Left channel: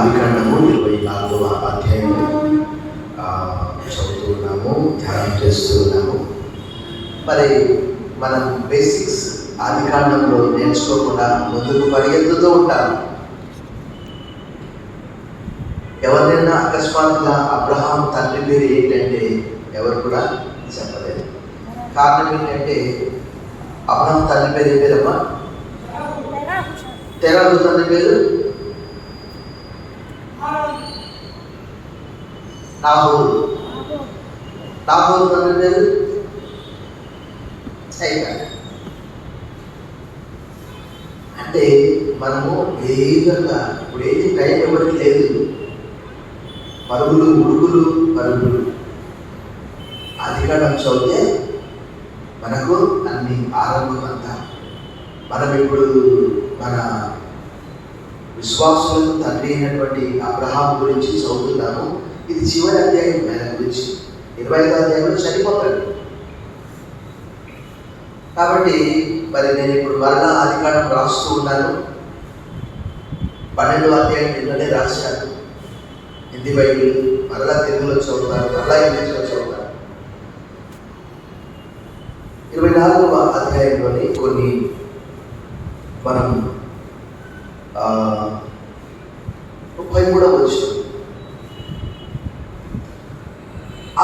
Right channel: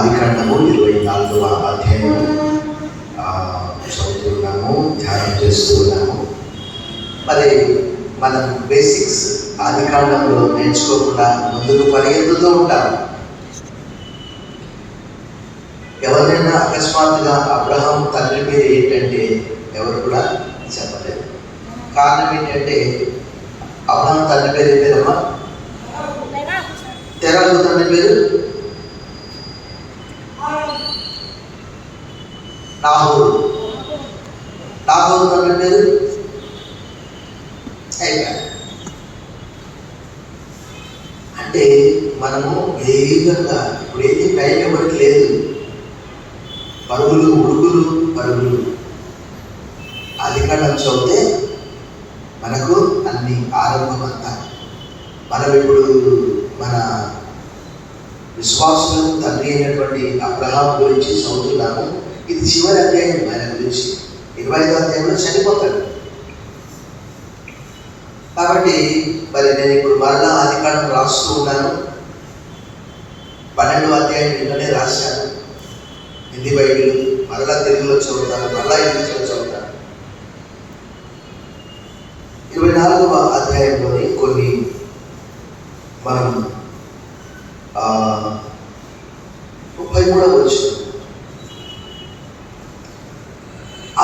ఆదికాండము 24వ అధ్యాయం చదువుతున్నాము, ధ్యానం చేస్తున్నాము. మరి మనం బేసిక్స్ ఆదికాండంలో నేర్చుకోకుండా ముందుకు పరిగెత్తుతూ ఉంటాము. ఎవరైనా అకస్మాత్తుగా అబ్రహాం తండ్రి పేరు ఏంటంటే ఎవరు కూడా చెప్పలేదు. కారణం ఏంటంటే అబ్రహాం తండ్రి పేరు ఏం పేరమ్మా? తెరలు తండ్రి పేరు నాహోరు. నాహోరు తండ్రి పేరు అంటే మనము వేగంగా ఇప్పుడు ఏది టైం ఎవరికి లేదు, పరుగులు ఉడుకులు పరుగులు. ఆదికాండం చదివితే మనకు అన్ని ఆరంభం అంతా. మనం ఇప్పుడు మన విశ్వాసులకు తండ్రి అయినటువంటి అబ్రహాం గురించి చదువుతున్నాము. ఇది చివరి అధ్యాయం ఆయన గురించి. 25వ అధ్యాయంలో చనిపోతాడు. కాబట్టి మరి నేను ఇప్పుడు మరలా ఆదికాండం రాస్తూ ఉన్నాను. 12వ అధ్యాయం నిన్ననే రాశాను. హిందీ బైబిల్ మరలా తెలుగులో చదువుతాను, మరలా ఇంగ్లీష్లో చదువుతాను. 24వ అధ్యాయంలోని కొన్ని మనం 33వ వచనం,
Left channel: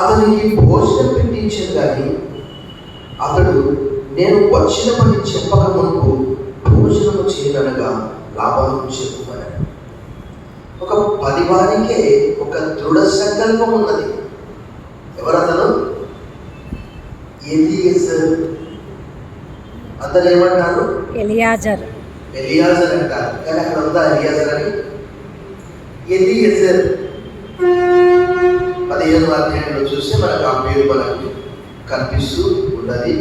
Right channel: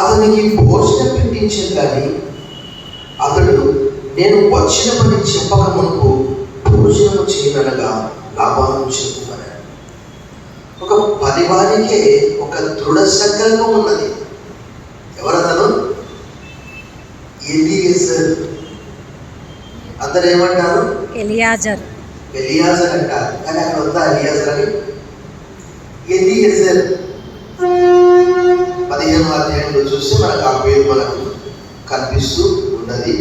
అతనికి భోజనం పెట్టించింది కానీ అతడు నేను వచ్చిన పని చెప్పక మునుపు భోజనం చేయనగా లాభాలను చెప్పుకున్నాడు. ఒక పనివానికే ఒక దృఢ సంకల్పం ఉన్నది. ఎవరతను? ఎలీయజర్. అందరు ఏమంటారు? ఎలియాజర్ అంటారు, కానీ అక్కడ ఉందా ఎలియాజర్ అని? ఎలీయజర్ 15వ అధ్యాయంలో చూస్తే మనకు ఆ పేరు మనకు కనిపిస్తూ ఉన్నది.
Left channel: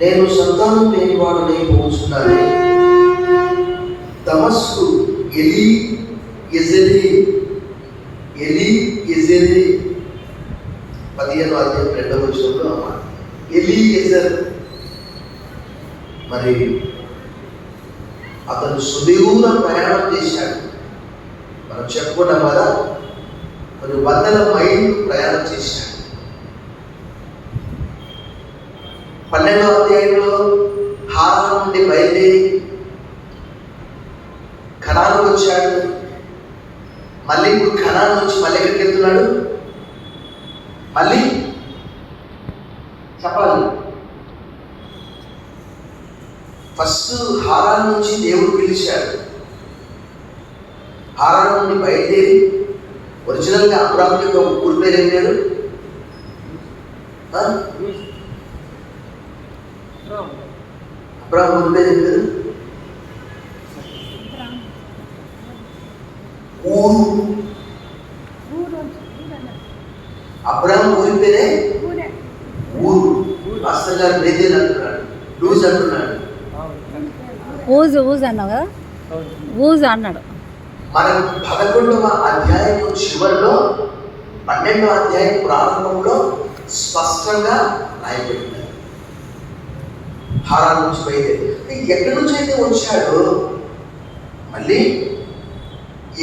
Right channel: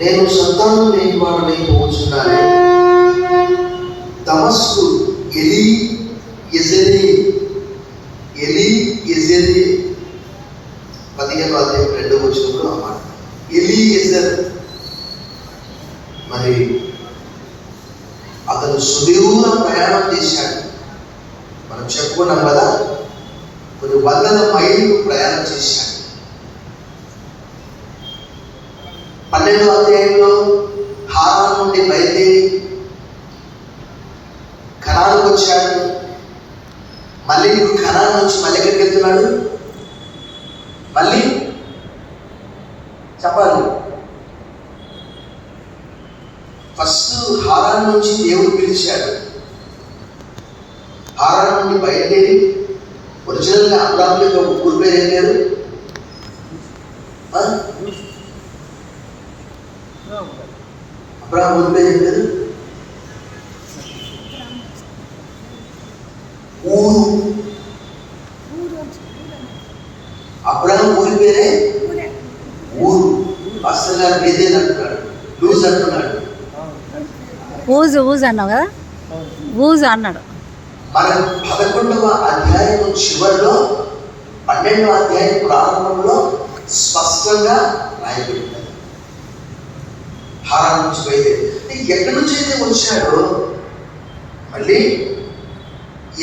నేను సంతానం లేని వాడిని పోతున్నాను. దమస్కు ఎలీయెజెరు 15వ అధ్యాయం 2వ వచనంలో ఎలీయెజర్ మరి అతను సుదూర ప్రయాణం చేశాడు. మనం చెప్పుకున్నాం కదా, 100 మైళ్ళు ప్రయాణం చేశాడు. 12వ అధ్యాయంలో హారాను నుండి బయలుదేరి కనానుకు వచ్చాడు. మళ్ళీ ఇప్పుడు కనాను నుంచి మళ్ళీ ఎక్కడికి వెళ్తున్నాడు? మళ్ళీ చెప్పాలి. ఫస్ట్ హారాను నుంచి దేవుడు పిలిచాడు. హారాను నుండి బయలుదేరి ఒరిజినల్గా అబ్రాహాం యొక్క ఊరి పేరు ఏం పేరు? అబ్రాహాం ఊరి పేరు ఏం పేరు? ఊరు. అబ్రాహాం ఊరి పేరే ఊరు. మాస్టర్ గారు బేదేల్ అంటున్నాడు, లూజ్ అంటున్నాడు. ఊజు అన్నావు కదా, ఊజు అన్నాడు. మన 11వ అధ్యాయం చివరిలో 12వ అధ్యాయం ప్రారంభంలో స్పష్టంగా రాయబడింది. హారాను నుంచి బయలుదేరి ఎక్కడి నుంచి అయితే వచ్చాడో మళ్ళీ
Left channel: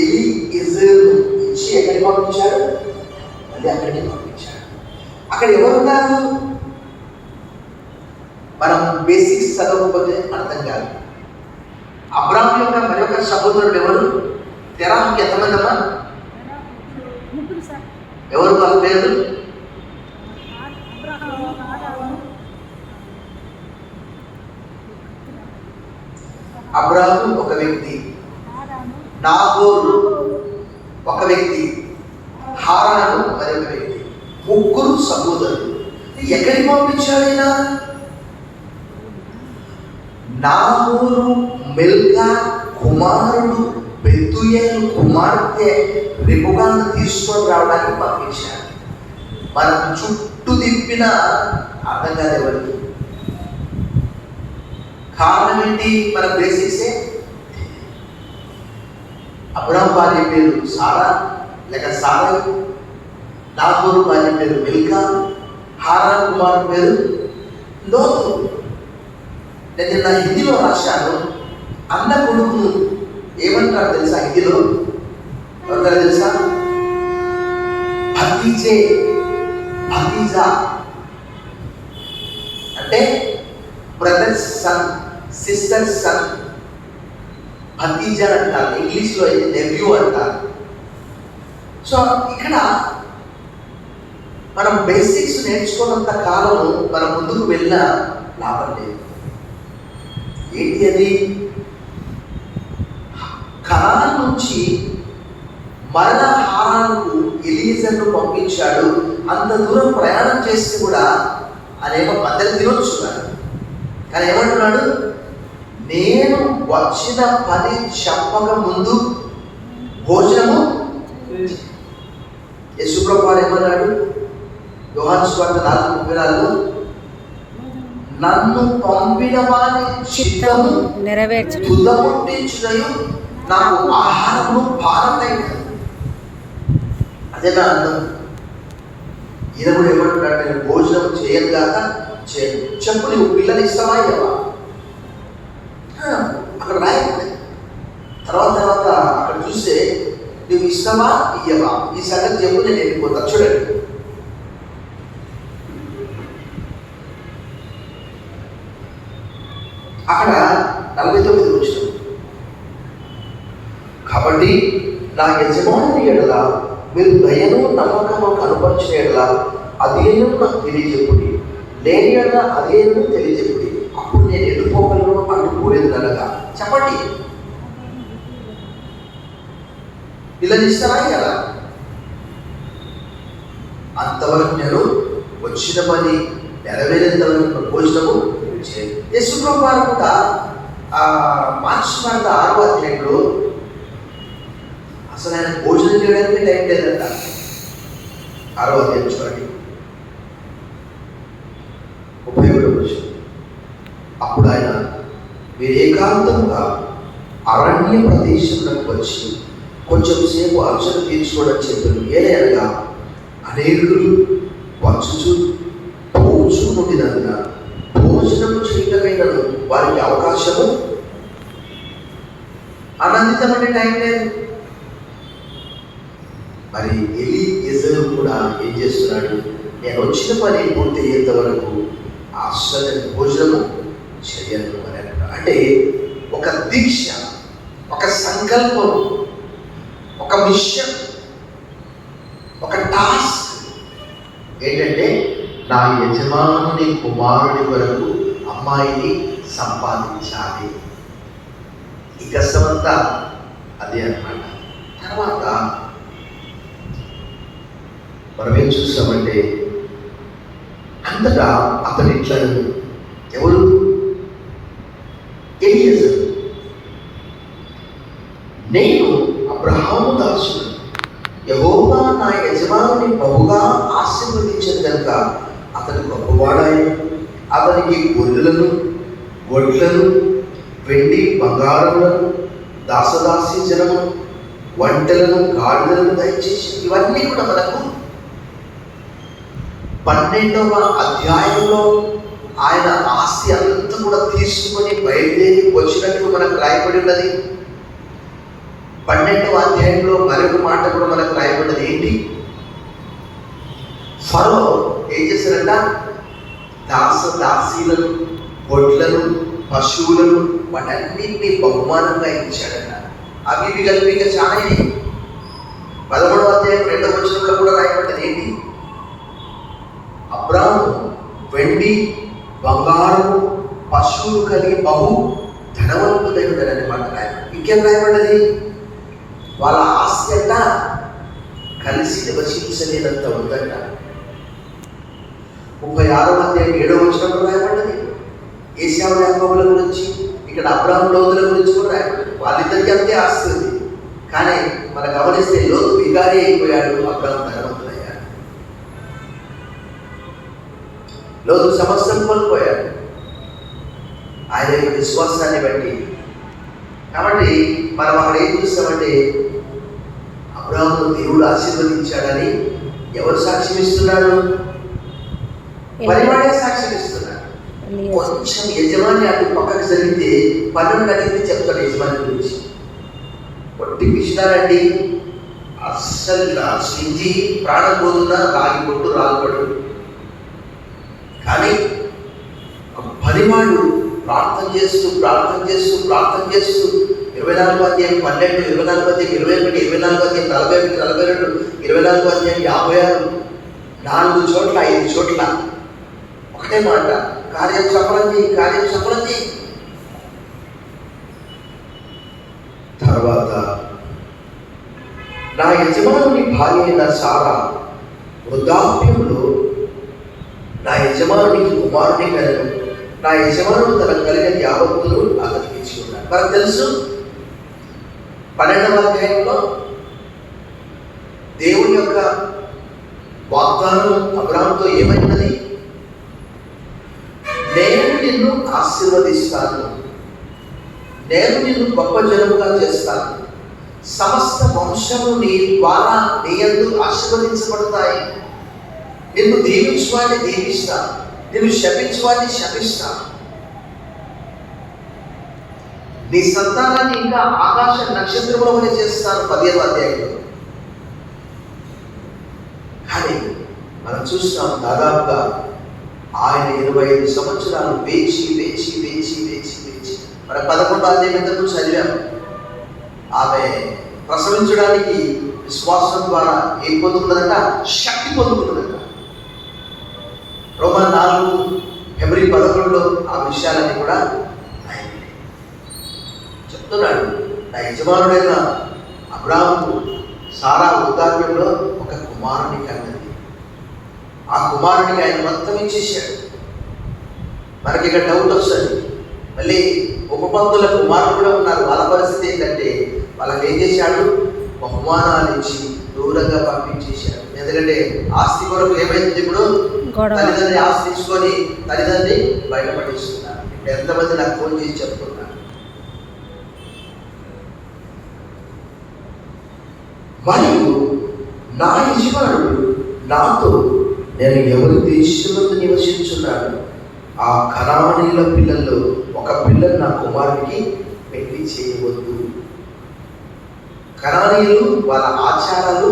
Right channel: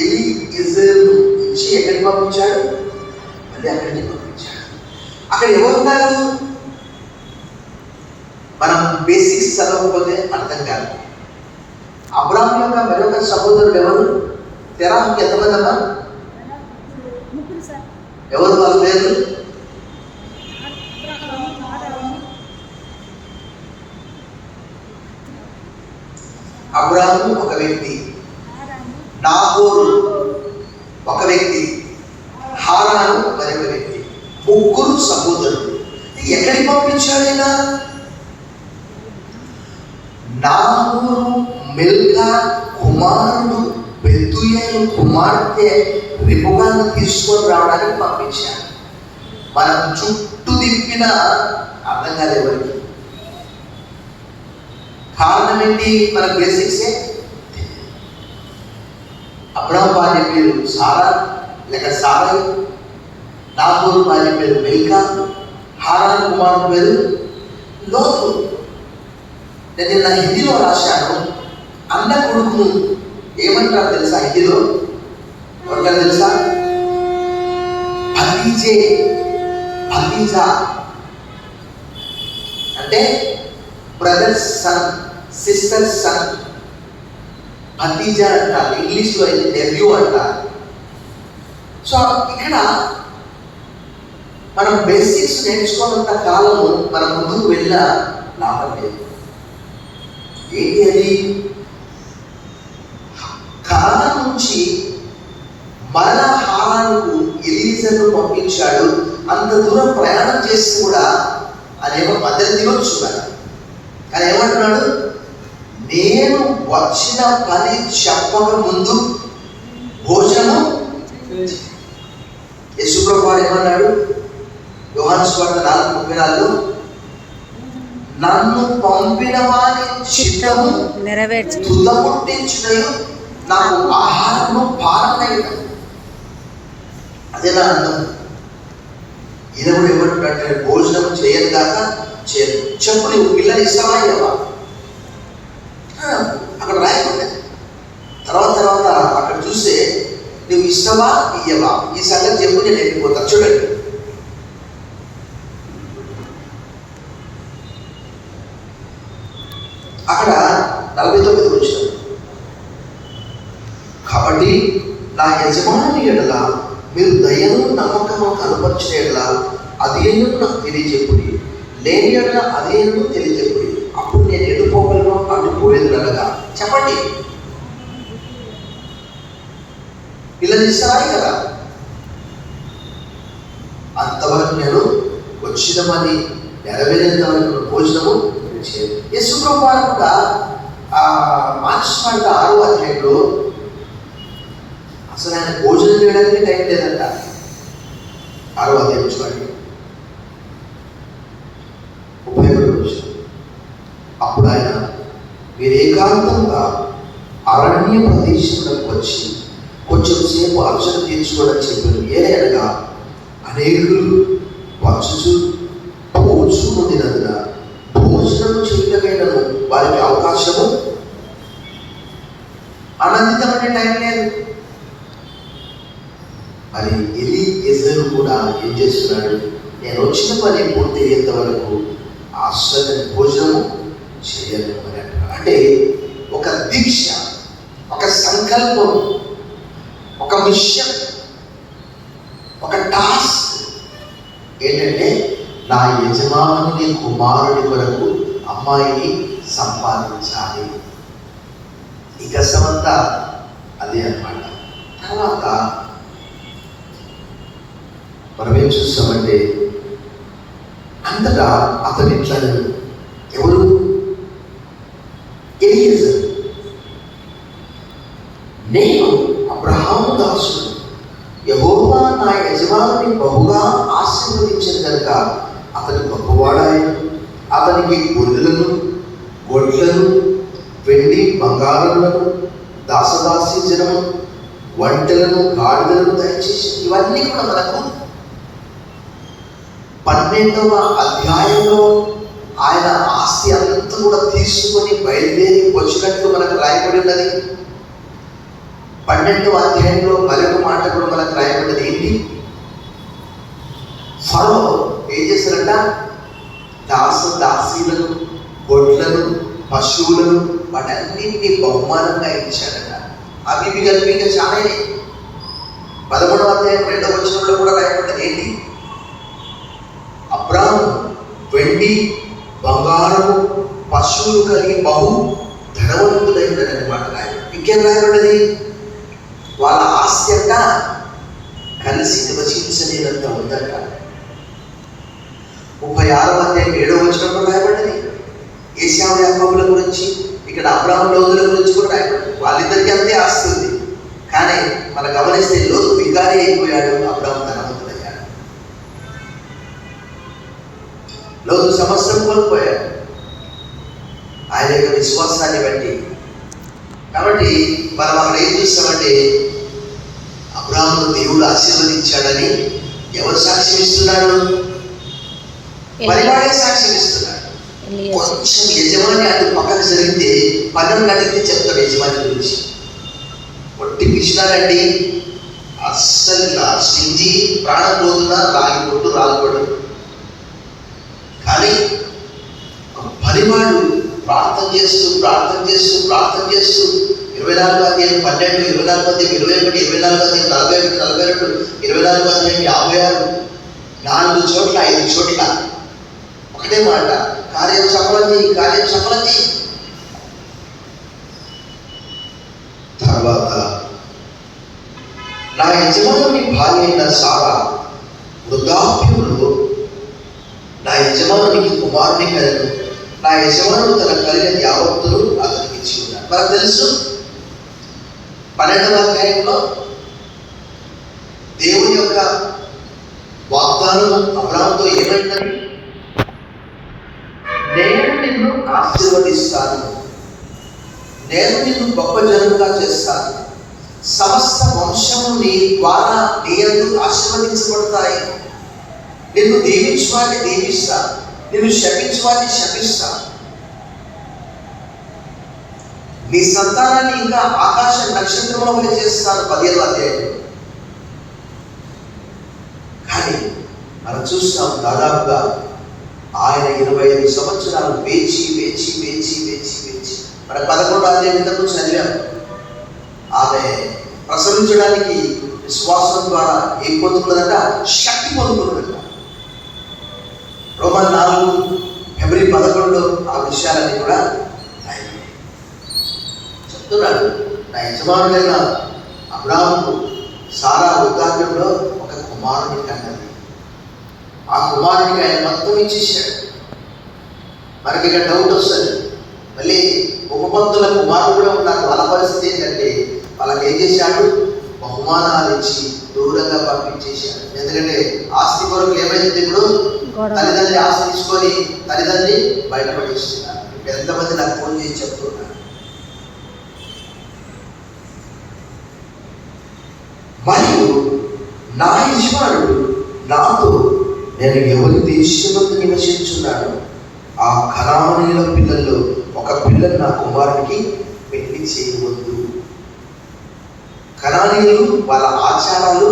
ఎలీయెజర్ నుంచి ఎక్కడికి పంపించాడు? మళ్ళీ అక్కడికి పంపించాడు. అక్కడ ఎవరున్నారు? మనం బేసిక్స్ చదవకపోతే అర్థం కాదు. అబ్రాహాం యొక్క మరొక సహోదరుడు ఎవరు? తెరాహుకి ఎంతమంది అమ్మా? ఎవరు వాళ్ళ పేరు? అబ్రాహాము ఒక వ్యక్తి, నాహోరు ఒక వ్యక్తి, హారాను మరొక వ్యక్తి. 3 సహోదరులు. ఎక్కడికి పంపించాడైనా? నాహోరు మిల్కా కుమారుడు బెతుయేలు కుమార్తె రిబకాను తీసుకొని రావడానికి పంపించాడు. మనం చుట్టూ తిప్పిన అర్థం కాదు ఎవరికి. కారణం ఏంటి? మన బేసిక్సే. అబ్రాహాం భార్య పేరు సారా లేక సారై, నాహోరు భార్య పేరు మిల్కా, హారాను కుమారుడు పేరు లోతు. నేను నా హిందీలో రాశాను, అన్న కొడుకును ఏమంటారు తెలుసా హిందీలో? ఎవరికైనా తెలుసా? భతీజే, భతీజా అంటే బ్రదర్స్ సన్, సిస్టర్స్ సన్. భతీజా అంటారు, ఇంగ్లీష్లో అయితే నెవ్యూ అంటారు. సో ఇక్కడ మనం బేసిక్స్ నేర్చుకోనంత కాలము మనం ముందుకు వెళ్ళినా లాభం లేదు. ఏంటి అది? కాలం నుంచి మరలా హారానుకు ఎలీజర్ను పంపించాడు. అంత దూరం ప్రయాణం చేసి కూడా అనేమో మధ్యలో తినొచ్చు కదా, కానీ ఏమంటున్నాడు? నేను వచ్చిన పని చెప్పక ముందు భోజనము. యేసుప్రభువు వారు ఏమన్నాడు? యోహాను సువార్త 4:34, నన్ను పంపిన వాని చిత్తము నెరవేర్చు తుదముట్టించుటయు నాకు ఆహారము పాలనైనది. అదే నా అర్థం. ఈయన కూడా ఏమంటున్నాడు? నేను భోజనం చేయను దాక చేయను. చెప్పు, నీవు పిల్లని ఇస్తావా ఇవ్వవా? అక్కడ రాయకుండే తర్వాత అక్కడ చూస్తే నువ్వు ఇష్టమా ఇయ్యవా, ఈ సంగతి చెప్పు, నేను వెళ్ళిపోతా. చూడండి, అక్కడ 49 వచ్చిన, కాబట్టి నా యజమానుని ఎడల మీరు దయను నమ్మకము కనపరిచిన ఎడల అదేను నాకు తెలియజెప్పుడి, లేని ఎడల అదేను తెలియజెప్పుడి, అప్పుడు నేను ఎన్నుకోగలను అనుకోలేదు అనగా. చెప్పండి, పిల్లలు ఇస్తారా కదా? అంతవరకు నేను వచ్చిన పని నెరవేరేంత వరకు భోజనము చేయను. యేసుప్రభువు వారు కూడా మార్చి 6వ అధ్యాయంలో అసలు ఆయన భోజనం చేయడానికి టైం లేదంట. 6వ అధ్యాయం చూడండి, 31 వచ్చిన. అప్పుడు ఆయన మీరు ఏకాంతంగా అరణ్య ప్రదేశంలోకి వచ్చి కొంచెం సేపు అర్చన తీర్చుకోవడం చెప్పారు. ఏదైనా అనేకులు వచ్చుచు పోచుకుంటున్నందున భోజనం చేయటమైన వారికి అవకాశము ఆనందితమైన టైం లేదు. మరి ఎలీయెజరు కూడా ఏం చేస్తున్నాడు? నేను వచ్చిన పని పూర్తి అయ్యేంత వరకు అసలు భోజనము చేయను అని అంటాడు. అంటే ఒక దీక్ష, ఒక సంకల్పం, ఒక మిషన్, ఒక టాస్క్ ఏంటంటే నా యజమానుని కుమారుడి కొరకు అమ్మాయిని సంపాదించాలి. ఈ కష్టమంతా అదే అన్నమాట. తర్వాత మనం ఏం చూస్తామంటే అంతటా అతని ఇట్లా ఎవరు? ఎలీయెజరు, నేను అబ్రహాము దాసుడు, యెహోవా నా యజమానుని బహుగా ఆశీర్వదించిన కనుక అతని గొప్పవాడాయను. అతనికి గొర్రెలను, గొడ్లను, వెండి బంగారములను, దాసదాసి జనము, వంటలను, గాడిదలను దయచేసి. ఇవన్నీ కూడా మనకు 12వ అధ్యాయంలో ఆయన ఆస్తి అంతా కూడా తీసుకొని బయలుదేరి వచ్చినట్లు మనకు రాయబడి ఉన్నది. 12వ అధ్యాయంలో మరొక మాట కూడా మనకు రాయబడ్డది. ఏంటి? ఫరో ఏం చేశారంట? దాసదాసీలను, గొడ్లను, పశువులను వాటన్నింటినీ బహుమానంగా ఇచ్చాడట. అవి కలిపి ఇంకా చాలా 11వ అధ్యాయం 2వ వచనంలో కూడా రాయబడ్డది. ఏంటి? అబ్రాము వెండి బంగారము పశువులు కలిగి బహు ధనవంతుడైందని మాట రాయబడి. ఇంకేం రాయబడ్డది? వాళ్ళ ఆస్తి అంట కలిసి నివసించలేనంత ఉందంట. 36వ అధ్యాయం 7వ వచనంలో రాయబడ్డది. ఏశావు యాకోబుల గురించి, ఇక్కడ అబ్రాహాము లోతుల గురించి కూడా రాయబడ్డది. వాళ్ళిద్దరికీ అంతే ఆస్తి ఉంది. కానీ మనం గమనిస్తే లోతు వికారి అయిపోయాడు, అబ్రాహాము ధనవంతుడయ్యాడు. లోతు సమస్తం కోల్పోయాడు ఆయన యొక్క విశ్వాసాన్ని బట్టి. కాబట్టి మనం అక్కడ ఏం చూస్తామంటే అబ్రాహామును దేవుడు ఆశీర్వదించాడని ఎవరు సాక్ష్యం ఇస్తున్నాడు? పరివాడే సాక్ష్యం ఇస్తున్నాడు. ఎలియేజర్. కొంచెం యజమాని అటు పక్కన జరిగితే 12 గంటలకి చెప్తాడు యజమాని గురించి. కొట్టి పిచ్చినారండి, అస్సలు స్టింజి, ప్రాణం పోతుందా, రాగి కొట్టు రాలిపడదు. కానీ పనివాడు ప్రార్థన చేస్తూ 24 అధ్యాయం 12, 24 అధ్యాయం 21, 24 అధ్యాయం 41, 42, 24 అధ్యాయం 56, 4 చోట్ల 5 చోట్ల ఒకటే మాట, కార్యం సఫలతి. తర్వాత నా యజమానుని భార్య అయిన సారా వృద్ధాప్యంలో నా యజమానునికి కుమారుని కలడు. నా యజమానుడు తన కలిగిన యావత్తులు అతనికి ఇచ్చి ఉన్నాడు. మనకు తెలుసు 12వ అధ్యాయంలో దేవుని యొక్క వాగ్దానం అబ్రాహాముతో ఏమైందని, నేను నిన్ను ఆశీర్వదిస్తాను, నేను నిన్ను గొప్ప జనముగా చేస్తాను, సమస్త వంశము నీ ద్వారా నీ యందు ఆశీర్వదించబడతాయి, నిన్ను దీవించువాడిని దీవిస్తాను, నిన్ను శపించువాడిని శపిస్తాను, నీ సంతానాన్ని ఇంకా ఆకాశ నక్షత్రముల వలె చేస్తాను 15వ అధ్యాయంలో. కానీ మనం చూస్తాం దాదాపుగా ఆయన 25 సంవత్సరాలు వేచి మన 11వ అధ్యాయం ఇంతకు చదివాం. ఆమె ప్రసవించడానికి విశ్వాసం ద్వారా ఏం పొందుకున్నదంట? శక్తి పొందుకున్నదంట. రోమా 4 ఫిబ్రవరి 11లో ఆ విషయాలన్నీ కూడా చెప్తున్నాడు. నా యజమానుడైన అబ్రాహాము సారా వృద్ధాప్యంలో ఒక కుమారుని కన్నది. ఆ కుమారునికి ఆయన మొత్తం ఇచ్చేసాడు. మనకి ఇక్కడ డౌట్ వస్తుంది, మళ్ళీ ఉపపంతుల కుమారులు కూడా ఉన్నారు. వాళ్ళ పరిస్థితి ఏంటంటే వాళ్ళకి ఏం చేశాడు? బహుమానాలు ఇచ్చి దూరంగా పంపించేశాడు. ఎందుకంటే ఆస్తి కొరకు ఏమైంది? ఇప్పుడు తల్లిదండ్రి ఆస్తి తీసుకొని తల్లిదండ్రి బయటపడిస్తున్నారు. ఎంతమంది నాకు ఫోన్ చేసి చెప్తున్నారు. మరియు నా యజమానుడు నాతో నేను ఎవరి దేశంలో నివసించున్నాడు, ఆ కనానీయుల పిల్లల్లో ఒక పిల్లను నా కుమారునికి పెళ్లి చేయవద్దు. కనానీయులు వాళ్ళ ఆచారాలు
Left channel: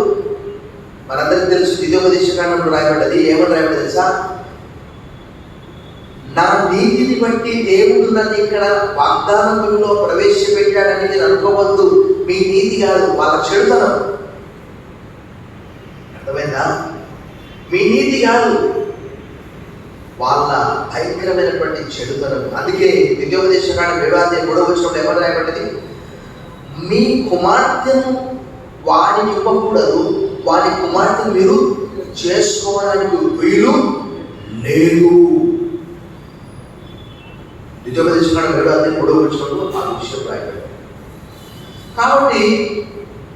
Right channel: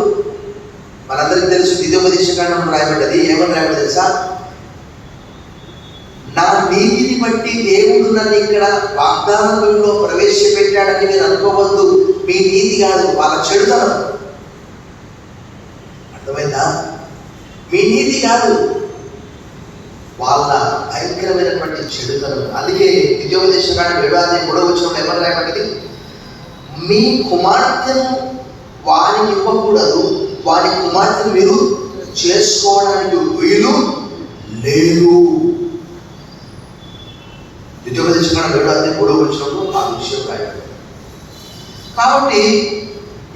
మనందరికీ తెలుసు. ద్వితీయోపదేశకాండంలో రాయబడ్డది. ఏమని రాయబడ్డది తెలుసా? నా నీతిని బట్టి దేవుడు నన్ను ఇక్కడ వాగ్దానంలో ప్రవేశపెట్టాడని మీరు అనుకోవద్దు. మీ నీతి కాదు, వాళ్ళ చెడుతనం. అర్థమైందా? మీ నీతి కాదు, వాళ్ళ భయంకరమైనటువంటి చెడుతనం. అందుకే ద్వితీయోపదేశకాండం 7వ అధ్యాయం 3వ వచనంలో ఎవరు రాయబడ్డది? మీ కుమార్తెను వారికి ఇవ్వకూడదు, వారి కుమార్తెను మీరు చేసుకోవడానికి వీలు లేదు. ద్వితీయోపదేశకాండం 7వ అధ్యాయం 3వ వచనంలో ఆ విషయం రాయబడింది. కాబట్టి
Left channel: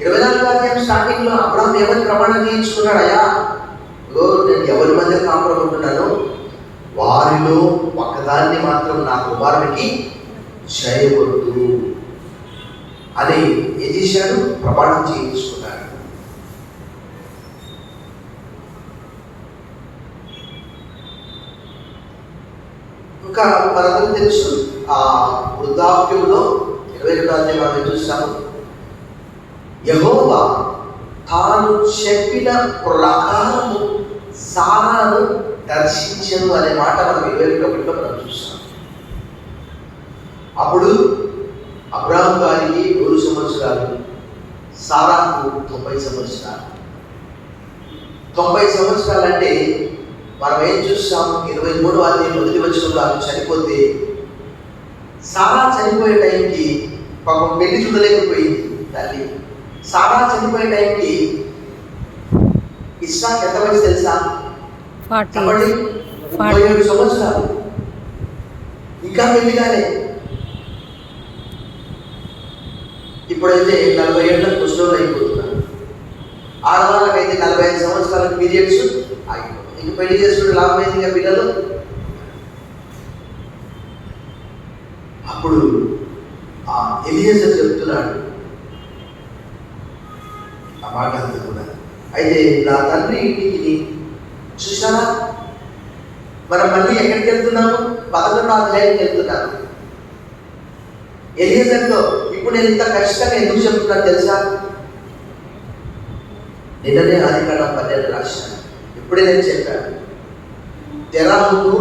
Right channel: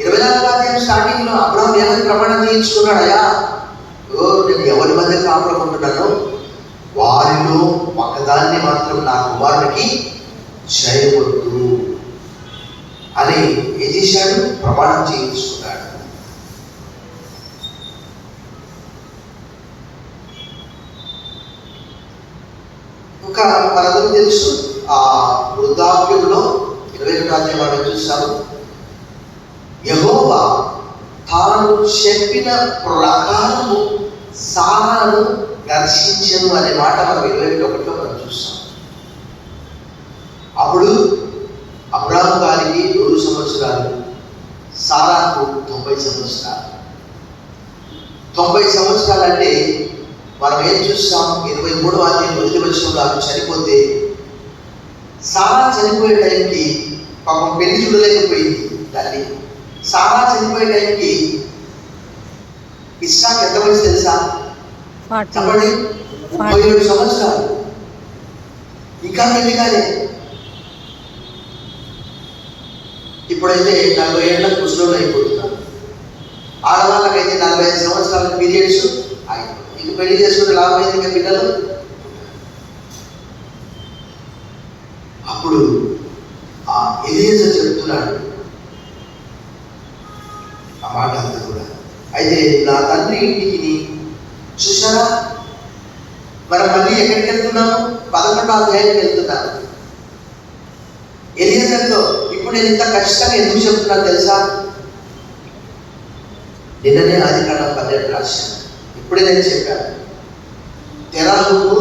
24వ అధ్యాయం స్టార్టింగ్ లో అబ్రాహాము ఏమని ప్రమాణం చేయించుకున్నాడు? అయ్యా, నేను ఎవరి మధ్య కాపురం ఉంటున్నాను, వారిలో ఒకదాన్ని మాత్రం నా కుమారునికి చేయవద్దు అని ఏం చేశాడు? ప్రమాణం చేయించుకున్నాడు. ఇంకా మనందరూ తెలుసు, ఆ వృద్ధాప్యంలో 22వ అధ్యాయం మనం చూస్తాము. యెహోవా తాను చెప్పిన ప్రకారము సారాను దర్శించను అనే మాట మనం 21లో మనం చూస్తాం. అప్పుడు అబ్రాహాము గారికి 100 సంవత్సరాలు, సారాకు 90 సంవత్సరాలు. 90 సంవత్సరాలు అంటే మనం ఏం చూస్తాం? 23వ అధ్యాయం 1వ వచనంలో ఆమె చనిపోతే, సారా చనిపోయే టైంకి పాపం పెళ్లి చూడలేకపోయింది తల్లి. సారా చనిపోయే టైంకి ఇస్సాకు ఎంత వయసు తెలుసా? 37 సంవత్సరాలు. ఇంకా పెళ్లి కాలే. ఇప్పుడైతే 40 ఏళ్ళకు ముసలోళ్ళు అయిపోతున్నారు. ఆడవాళ్ళకైతే 45 సంవత్సరాల పీరియడ్స్ అయిపోతుంది. ఇంక పెళ్లి చేసుకుంటే లాభం అయింది ఇంకా పిల్లలు. అప్పుడు ఆ ఎలియేజర్ చెప్తున్నాడు ఆ మాట అంతా కూడా. అయితే నా తండ్రి ఇంటికి చూసారా, మనం మళ్ళీ ఎక్కడికి వెళ్తున్నాము? 11వ అధ్యాయానికి వెళ్తున్నాను. ఎలియజర్తో ఇప్పుడు నేను ఇంత ఖచ్చితంగా ఎందుకు చెప్తున్నాను తెలుసా? నిన్ననే ఆదికాండం 12 రాశాను. ఇప్పుడే నేను చెప్పాను. తెరాహుకు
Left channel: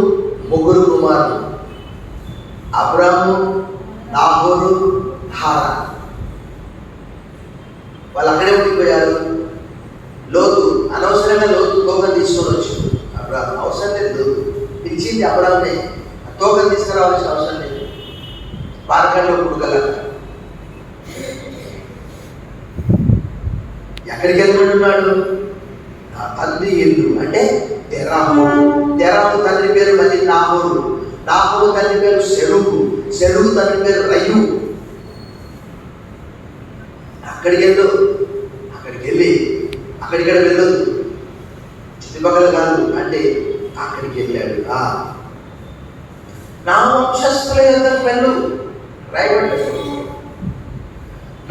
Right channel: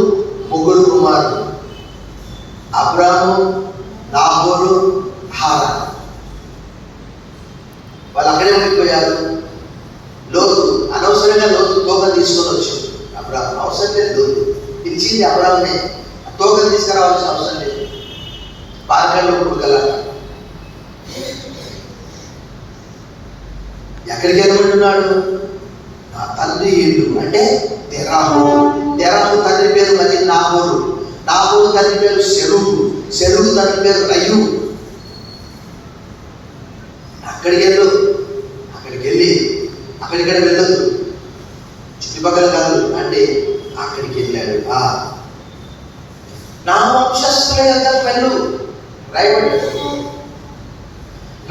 3 కుమారులు, అబ్రాము, నాహోరు, హారాన్. వాళ్ళు అక్కడే ఉండిపోయారు. లోతు అనవసరంగా తోకను తీసుకొని వచ్చింది. అబ్రాహం అవసరం లేదు, పిలిచింది అబ్రాహ్మనే, తోకను తీసుకురావాల్సిన అవసరం లేదు. పార్కంలో కొడుకల ఎక్కడికి వెళ్ళమంటున్నాడు? నా తండ్రి ఇల్లు అంటే తెరాహు తండ్రి పేరు మళ్ళీ నాహోరు తండ్రి పేరు సెరుగు తండ్రి పేరు రయ్యు. అక్కడికి వెళ్ళదు, చుట్టుపక్కల కాదు అంటే అక్కడికి వెళ్ళాడు. నా వంశస్థుల యొక్క వెళ్ళు,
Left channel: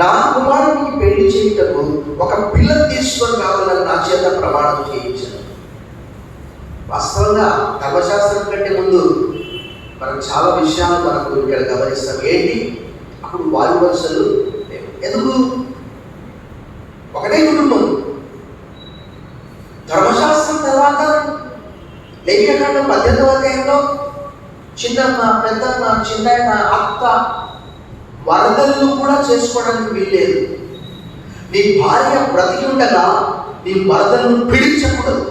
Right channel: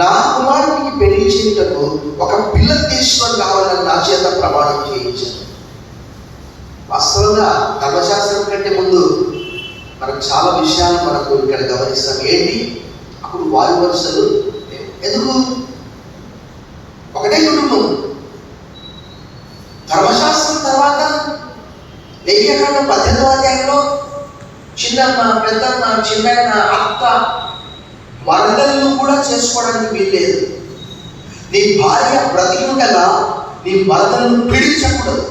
నా కుమారునికి పెళ్లి చేయుటకు ఒక పిల్లని తీసుకొని కావాలని నా చేత ప్రమాణం చేయించాను. వాస్తవంగా ధర్మశాస్త్రం కంటే ముందు మనకు చాలా విషయాలు మనకు ఇక్కడ గమనిస్తాం. ఏంటి అప్పుడు వాయు వరుసలు ఎందుకు? ఒకటే కుటుంబం. ధర్మశాస్త్రం తర్వాత లేఖకాండం 18వ అధ్యాయంలో చిన్నమ్మ, పెద్దమ్మ, చిన్నాయన, అత్త, వరదలను కూడా చేసుకోవడానికి వీల్లేదు. నీ భార్య బ్రతికి ఉండగా నీ వరదలను పీడించకూడదు.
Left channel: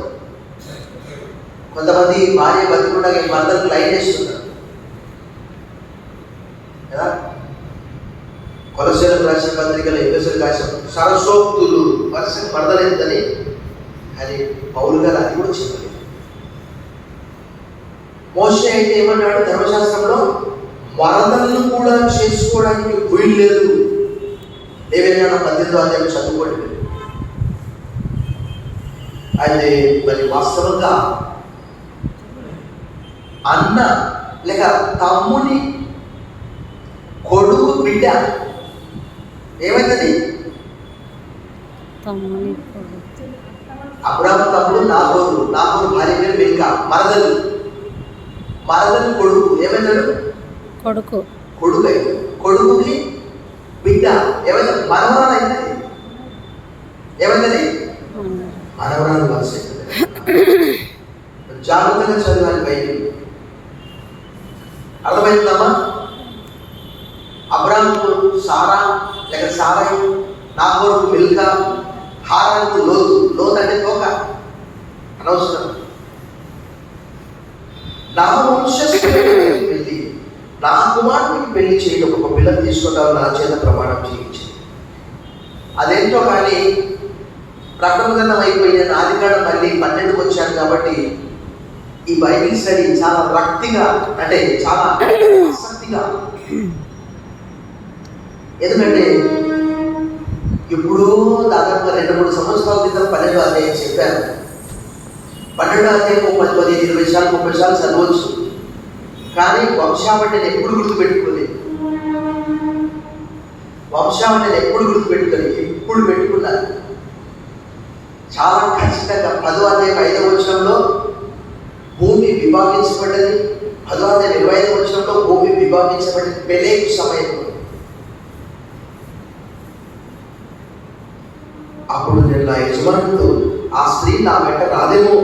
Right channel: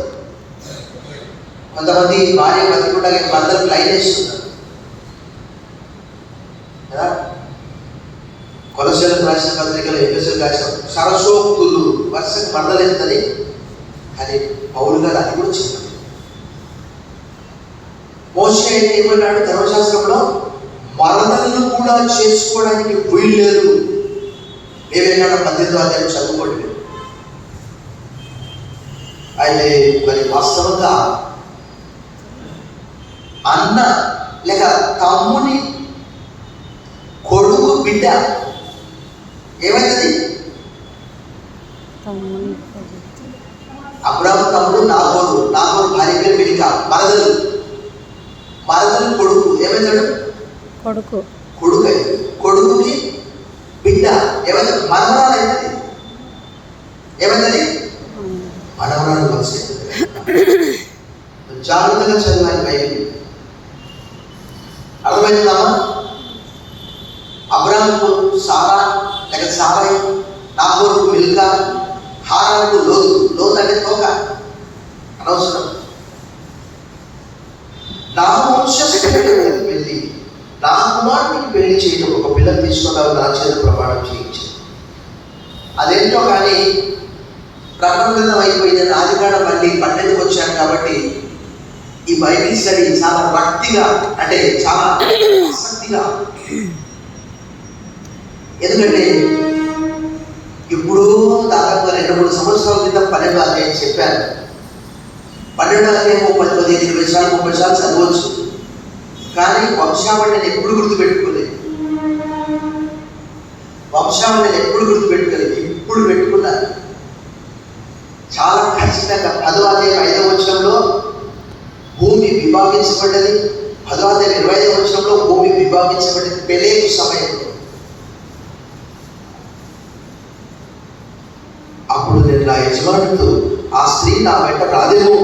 కొంతమంది భార్య బ్రతికి ఉండగా వరదలకు లైన్ వేస్తున్నారు కదా. కొలసలు రాసిన పత్రికలు, ఎఫెసీయులకు రాసిన సరసోక్తులు వర్షం వరదలేదని, కానీ పౌలు గారు అది కూడా చెప్పారు. మోషే అయితే ఏమన్నాడు ధర్మశాస్త్రంలో? వరదలను కూడా చేసుకోవడానికి వీలు లేదు. ఏమైనా 18వ అధ్యాయం చదువుకోండి. అయితే మరి వాస్తవంగా అన్న లేక తమ్ముని కొడుకు బిడ్డ ఏమైంది? అబ్రాము తమ్ముడు నాహోరు భార్య పేరు మిల్కా. మరదలు కొడుకు ఏమైందాడు? కొడుకుకి బిడ్డ ఏమైంది? మనవరాలు అయింది. ఏమైందని? మనవరాలు మనసు. జాగ్రత్తగా చదివాను బైబిల్. అర్థమవుతుందామా? అబ్రాముకు సారా లేక సారై, నాహోరుకు మిల్కా, హారానుకు లోతు అంటే తోక, అనవసరం. నా వంశస్థులకు వెళ్ళి నా కుమారునికి పెళ్లి చేయడం, ఒక పిల్లని తీసుకుంటారు నా చేత ప్రమాణం చేయించి. అదేంటో కానీ ప్రకటన అయిపోయింది. ఆదికాండం మళ్ళీ 12కి వచ్చాను కాబట్టి ఈ బైబిల్ స్టడీ చాలా భక్తిగా అంటే చాలా ఆసక్తిగా. ఎందుకంటే ఇప్పుడు దాదాపుగా 2-3 సంవత్సరాల క్రితం 12వ అధ్యాయం చెప్పాను. 12వ అధ్యాయం 15-20 సార్లు 30 సార్లు చదవచ్చు. కానీ వంశావళి నేను ఎప్పుడు గుర్తుపెట్టుకోలేదు. ఇప్పుడు పెట్టుకున్నాను. చాలా ఖచ్చితంగా 10వ అధ్యాయం 5వ వచనంలో భూమి విభాగించబడ్డది. 10వ అధ్యాయం 25వ వచనంలో భూమి విభాగించబడ్డది పెలేగు సమయంలో. అప్పుడు నేను నా యజమానుడు ఆ స్త్రీ నా వెంట రాదేమో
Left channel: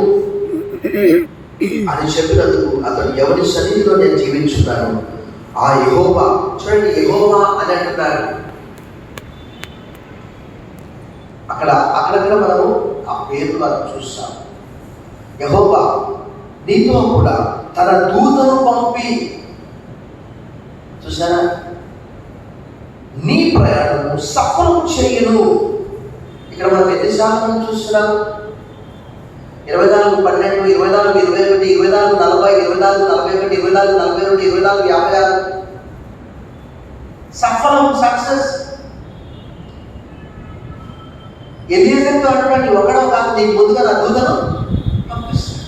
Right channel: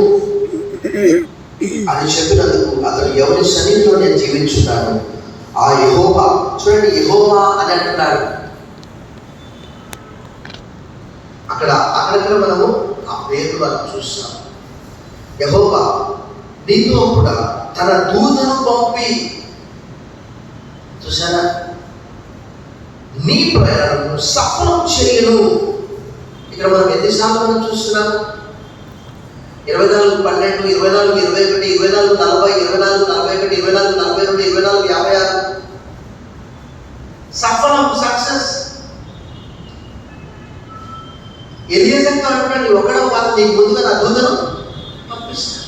అని చెప్పినందుకు అతడు ఎవరి సన్నిధిలో నేను జీవించున్నాను ఆ యెహోవా. చూడండి, యెహోవా అని అంటున్నాడు. అక్కడ మనము ఆ పేరు మనం చూస్తాం. యెహోవా నీతో కూడా తన దూతను పంపి, చూసారా, నీ ప్రయాణము సఫలం చేయను. ఇక్కడ మనం ఎన్నిసార్లు మనం చూస్తున్నాము? 24:12, 24:21, 24:40, 24:41, 24:42, 24:56 సఫలం, సక్సెస్. ఎలియజర్తో అంటున్నాడు, ఒకడో కాదు, నీకు ముందుగా నా దూతను పంపిస్తాను.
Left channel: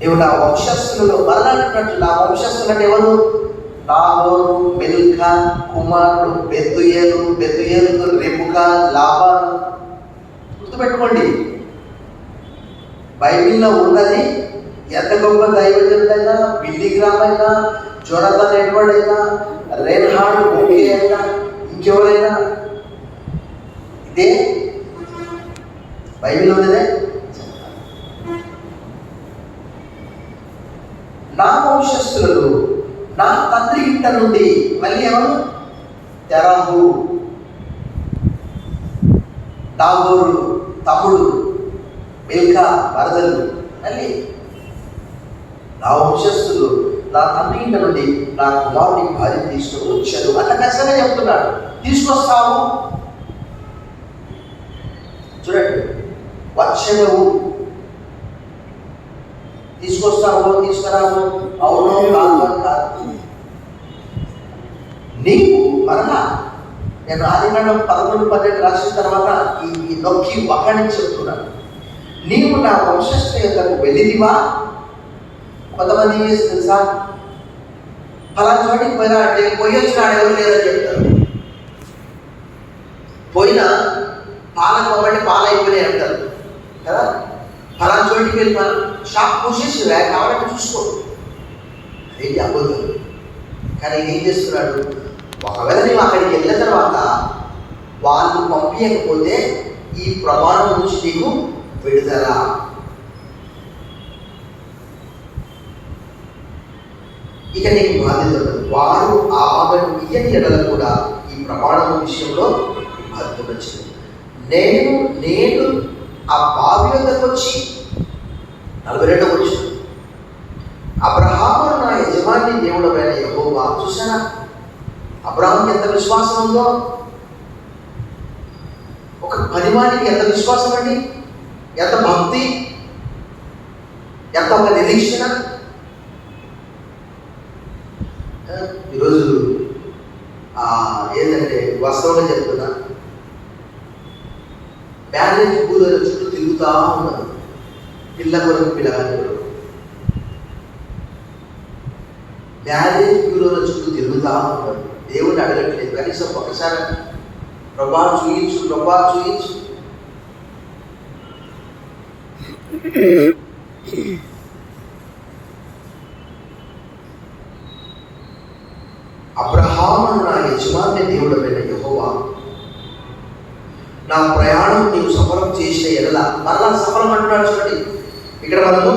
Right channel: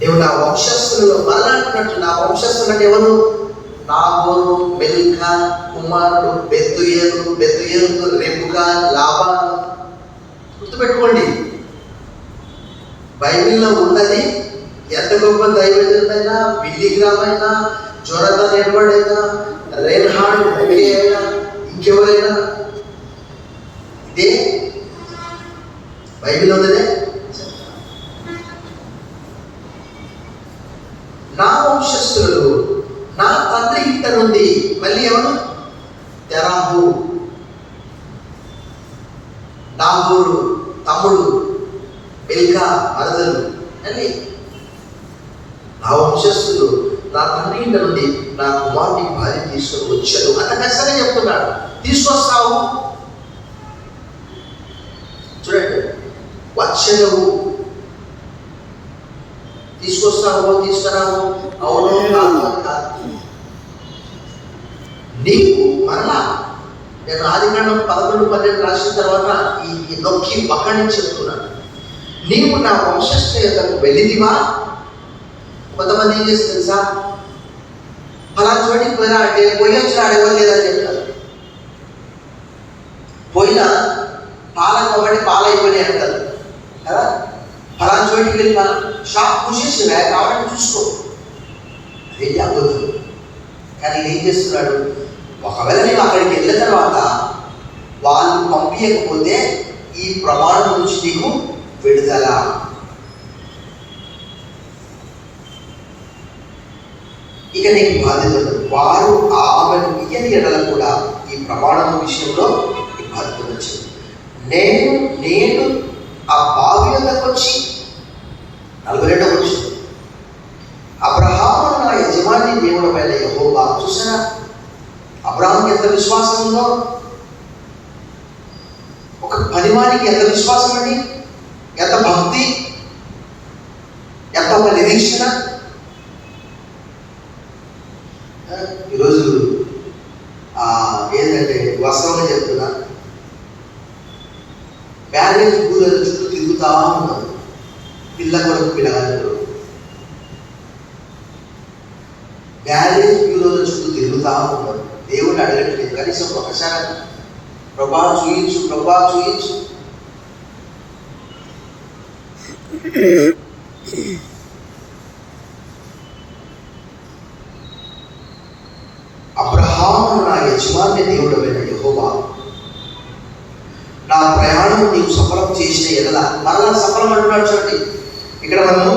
నువ్వు నా వంశస్థులలో మరలా అంటున్నట్టు, నా వంశస్థులు అంటే ఎవరు? నాహోరు, మిల్కా కుమారుడు బెతుయేలు, రెబెకా, లాబాను. గుర్తుపెట్టుకోండి, బైబిల్లో ఉన్నది ఎంత గొప్ప దైవజనుడైనా, బిల్లీ గ్రామ్ అయినా, జోనాథన్ ఎడ్వర్డ్ అయినా, రేన్హార్డ్ మూవీ అయినా, ఇంకెవరైనా ఇదే బైబిల్ ఉన్నదే. నా వంశస్థులు నా తండ్రి ఇంట నుండి, మళ్ళీ ఎవరు? తెరాహు, నాగోరు తమ్ముడు, బిల్కా మరదలు, మళ్ళీ నా వంశస్థులు నా తండ్రి ఇంట నుండి నా కుమారుని భార్య తీసుకొని వచ్చాడు. అంత ఖచ్చితంగా చెప్తున్నాడు. తీసుకొస్తావు, చూడండి, వచ్చాడు, తీసుకొస్తావు, తీసుకురావు, అవును కాదు. నీవు మరలా, నేను ఆదికాండం 11-12 రాసిన తర్వాత ఈ నొక్కి ఒక్కడిని చెప్తున్నాను. నీవు నా వంశస్థ యొద్దకు వెళ్ళిదివా? కొంతమంది ఏం చేసి తెలుసా, అలా చోటికి పోయినా అంటే పోయి వచ్చిన అడగడం లేదని చెప్తారు. పోయినా పాలకు ఒకటి పాలు అయిపోయినాయి అంటారు కదా. ఫలానా చోటికి వెళ్ళినా షాప్ మూసేసి కాబట్టి చూసుకో, అదేంటి అబద్ధం. కానీ ఏం చేస్తున్నాడు, ఒకవేళ నేను అక్కడికి వెళ్ళిన తర్వాత వాళ్ళు పంపించకపోతే ఈ ప్రమాణం నుంచి నీకు విడుదల. ఇక నీకు బాధ్యతలు వారు ఆమెను ఇయ్యని ఎడల కూడా ఈ ప్రమాణం విషయంలో బాధ్యత వచ్చింది. నేను ఆ బావి వద్దకు వచ్చి 42వ వచనం, అబ్రహాము నా యజమాని దేవుడు పైన యెహోవా. చూసారా అబ్రహాం ఎంత విశ్వాసం ఉందో, ఒక పనివానికి ఎంత విశ్వాసం అండి, ఎంత భక్తి, ఎంత ఒక నిరీక్షణ. ఈరోజు ఏంటంటే వాస్తవంగా చెప్తున్నా, మ్యారేజ్ పూల చుట్టూ తిరుగుతా ఉన్నారు పిల్ల కొరకు పిల్లగాళ్ళు. మ్యారేజ్ బ్యూరోల చుట్టూ తిరుగుతా ఉన్నారు. దేవుడు అడగట్లేదు, కనీసం ఒకసారి ప్రభా చూయించు, ప్రభా చూయించు. అబ్రహాము నా యజమాని దేవుడు అయిన యెహోవా, నా ప్రయాణం నీవు సఫలం చేసిన ఎడల, మరలా సఫలం అంటున్నాడు. చూడండి, ఇక్కడ మనము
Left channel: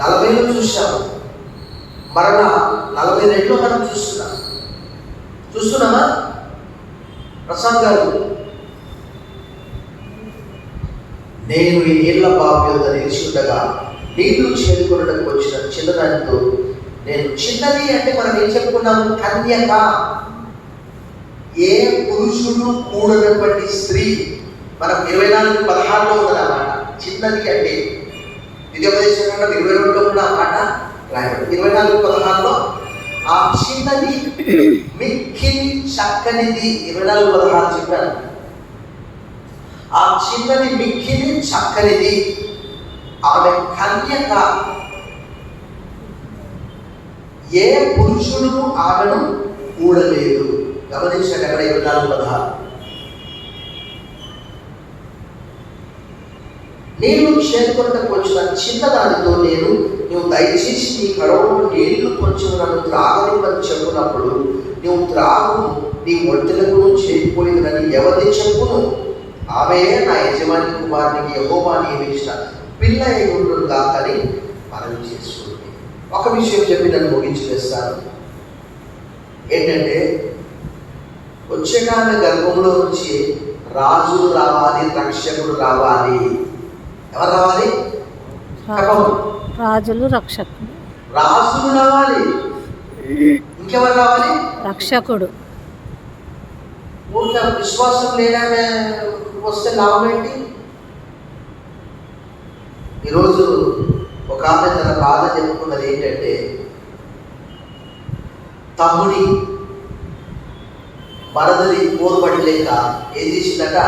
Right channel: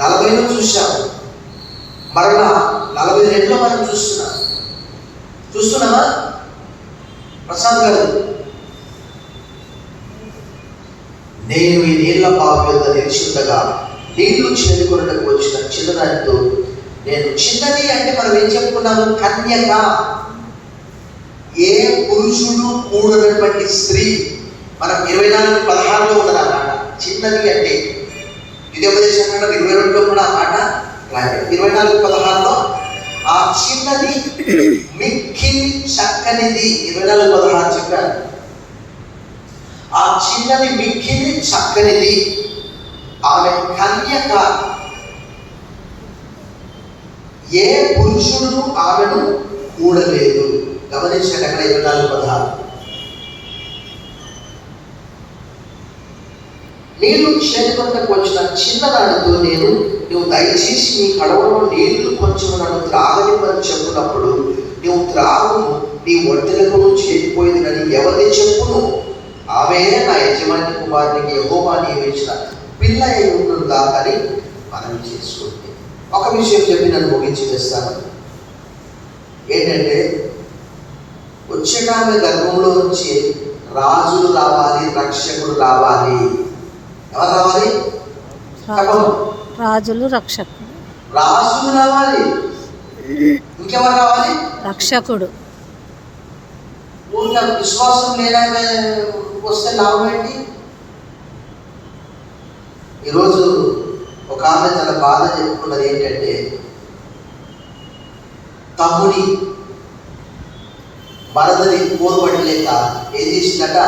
40లో చూసాము, మరలా 42లో మనం చూస్తున్నామా ప్రసాద్ గారు? నేను ఈ నీళ్ల బావి వద్ద నిలిచి ఉండగా నీళ్లు చేరుకున్నకు వచ్చిన చిన్నదానితో నేను, చిన్నది అంటే మనం ఏం చెప్పుకున్నాము, కన్యక, ఏ పురుషుడు కూడనటువంటి స్త్రీ. మనం 24:16లో ఉన్నదన్నమాట చిన్నది అంటే. ద్వితీయోపదేశ కాండం 22లో కూడా ఆ మాట రాయబడి 24:16లో ఆ చిన్నది మిక్కిలి చక్కనిది. 24:16 చెప్పాను. ఆ చిన్నది మిక్కిలి చక్కనిది, ఆమె కన్యక, ఏ పురుషుడు ఆమెను కూడలేదు. గమనించండి అక్కడ 24:16. నీళ్లు చేరుకొనకు వచ్చిన చిన్నదానితో నువ్వు దయచేసి నీ కడవలో నీళ్లు కొంచెం నన్ను త్రాగనివ్వని చెప్పునప్పుడు, నువ్వు త్రాగును, నీ ఒంటెలకు చేరిపోయింది కానీ ఎవరిని చెప్పును, ఆమె నా యజమాని కుమారునికి యెహోవా నియమించిన పిల్ల అయి ఉండును కాకని మనవి చేసుకుంది. ఒక విషయం చెప్పి నన్ను ముగించి వేస్తాను. ఏంటంటే, వచ్చేటామె గర్భంలో నుంచి రాజులు రావాలి, రక్షకుడు రావాలి. ఎవరు రావాలి? రాజులు, రక్షకుడు. రాజులు రావాలి, ఇంకెవరు రావాలి? రక్షకుడు. ఊరికే విశ్వాసం లేదంటే వస్తే లాభం ఏంటి? ఈరోజు ఒక ఆమె తన బాధ చెప్పుకున్నది ఏంటంటే, తమ్ముడి మరదది పోరుపడలేక ఏం చేసిందట,